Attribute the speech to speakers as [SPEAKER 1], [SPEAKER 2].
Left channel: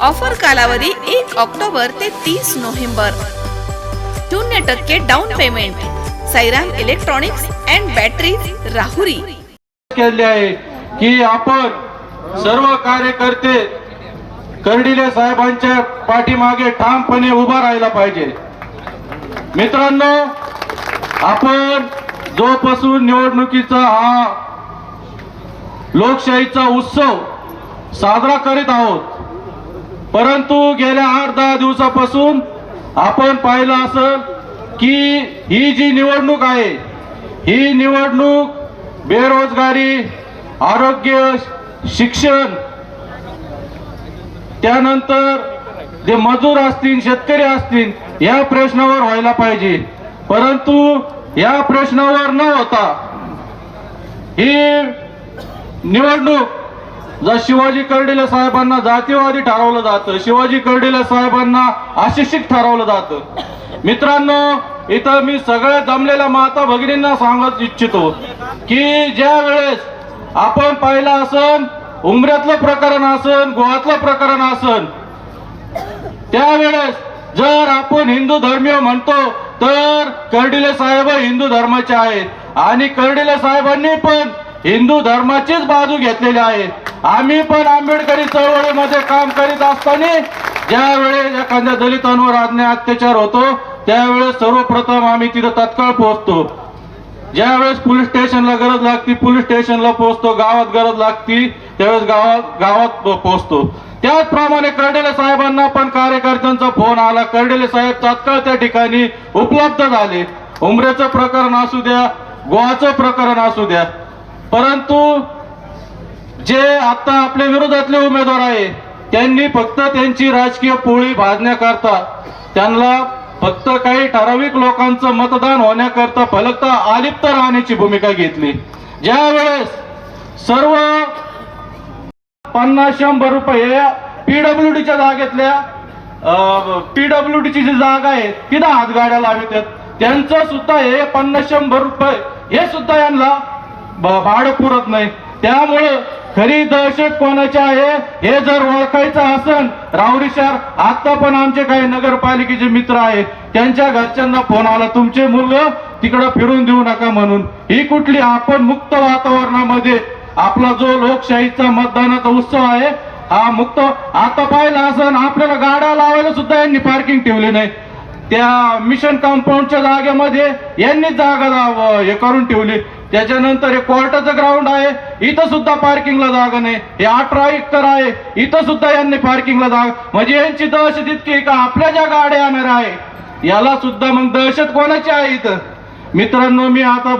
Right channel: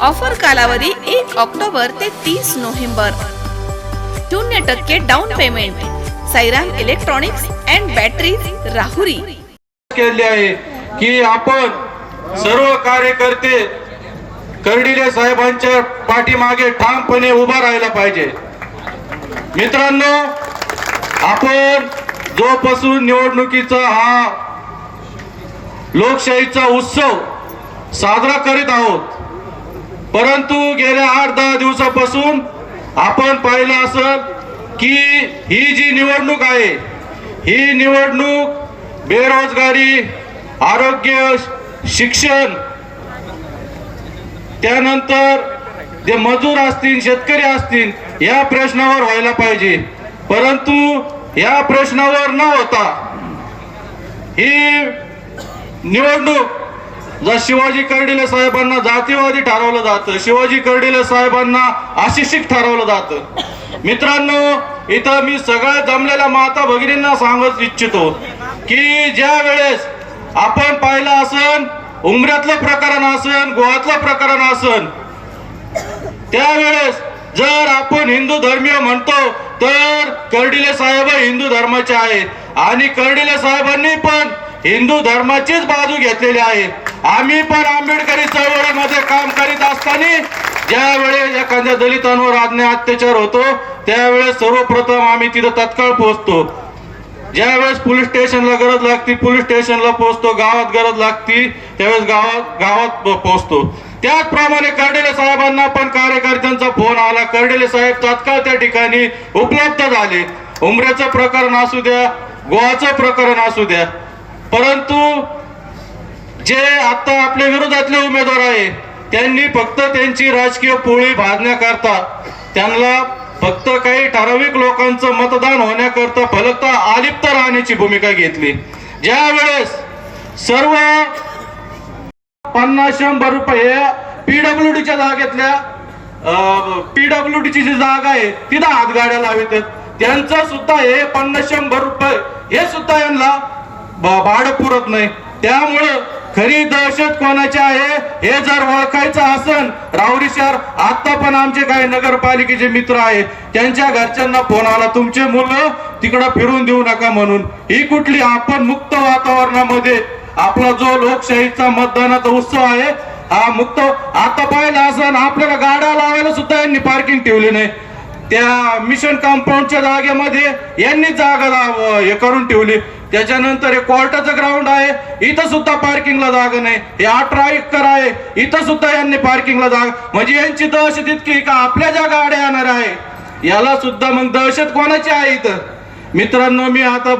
[SPEAKER 1] Offer कालावधी एक October ते तीस नोव्हेंबर. शून्य टक्के down payment Sairam electronics and battery Rahuri.
[SPEAKER 2] केले आहे की आपण सर्व कार्यकर्ते कर्डिले साहेबांच्या पाठीमागे ठामपणे उभा राहायला पाहिजे. मित्रांनो आपण जोपासून निवडणुकीचा हा लोकशाहीचा उत्सव साजरा करीत आहोत. परंतु गेल्या आठ दहा दिवसापासून आपण पाहिलं असेल की ही जी निवडणूक आहे ही निवडणूक बेरोजगारी आरोग्य शिक्षण त्यानंतर जे मजूर असतील शेतकरी असतील या प्रश्नावर व्हायला पाहिजे. परंतु या प्रश्नावर न होता ही निवडणूक जर शिवाजी कर्डिले साहेबांना जातीवादी ठरवलं जातं शिवाजी कर्डिले साहेबांना अशिक्षित ठरवलं जातं. मित्रांनो इथं मी सगळ्या जमलेल्या माता भगिनींना सांगत इच्छितो की ज्या वेळेस आपण पाहिलं असन उमऱ्यातलं प्रकरण असन गोवातलं प्रकरण असन त्यावेळेस जर आपण हिंदू धर्मीय म्हणतो तर कर्डिले साहेब हिंदू धर्माचे आहेत. आणि कर्डिले साहेबांनी पण हिंदू धर्माचीच बाजू घेतलेली आहे. आम्ही पण आंबेडकरी चळवळीमध्ये काम करीत असताना ज्यावेळेस एखाद्या दलितांवर आज्ञा अत्याचार होतो त्यावेळेस सर्वप्रथम आम्ही तिथं तत्काळ पोहोचतो. ज्यावेळेस पोलीस स्टेशनला गरज लागती पोलीस स्टेशनला पोहोचतो गावात गरज लागती त्यावेळेस गावात गावात पोहोचतो. त्याचप्रमाणे कर्डेले साहेबांना पण कार्यकर्त्यांचा फोन आला. कर्डेले साहेब तात्काळ त्या ठिकाणी उपलब्ध झाले. उमऱ्याचं प्रकरण असू द्या गोवाचं प्रकरण असू द्या. परंतु जे आता आपल्या विरोधातले उमेदवार आहे त्यांनी फक्त त्यांची राजकीय पोळी भाजण्याकरता त्यांना फक्त काही ठराविक लोकांचं मतदान होण्याकरता फलत आलिप्त राहण्याची भूमिका घेतली. ज्यावेळेस सर्व पन्नास शंभर रुपये पीडब्ल्यू डीच्या जागेतल्या पीडब्ल्यू डीची जी जागा आहे तिथं हातगाड्या लावित त्यांचं सुद्धा हे पन्नास शंभर रुपये हे सुद्धा यांना ब- पुरत नाही. त्यामुळे खरी दहशत कोणाची आहे हे जर ओळखायचं असन रावडी शहर आता पण आमचे काही नगरपालिकेचे मित्र आहे त्यांच्या घरच्यांना फोन आला तुमचे मुलं तिकडं फिरून देऊ नका म्हणून. ही कुठली आपण मुक्त वातावरणामध्ये आपला जो लोकशाहीचा मतदानाचा उत्सव आहे हा मुक्त आता पाहिला असन आपल्याला गाड्या लावायला सुद्धा यांनी पार्किंग ठेवली नाही. त्या मिशन कंपाऊंडच्या जागेमध्ये यांनी जागा हे करून ठेवली. त्याच्यानंतर हे कोर्टाचं ग्राउंड आहे. इथं सुद्धा पार्किंगला जागा नाही. हे अठरा एकर आहे. इथं सुद्धा यांनी पार्किंगला जागा म्हणजे यांची दहशत इतकी का? आपल्या ज्या गाड्या येणार आहे. याला सुद्धा मग दहशत कोणाची आहे इथं? मित्रांनो मी आता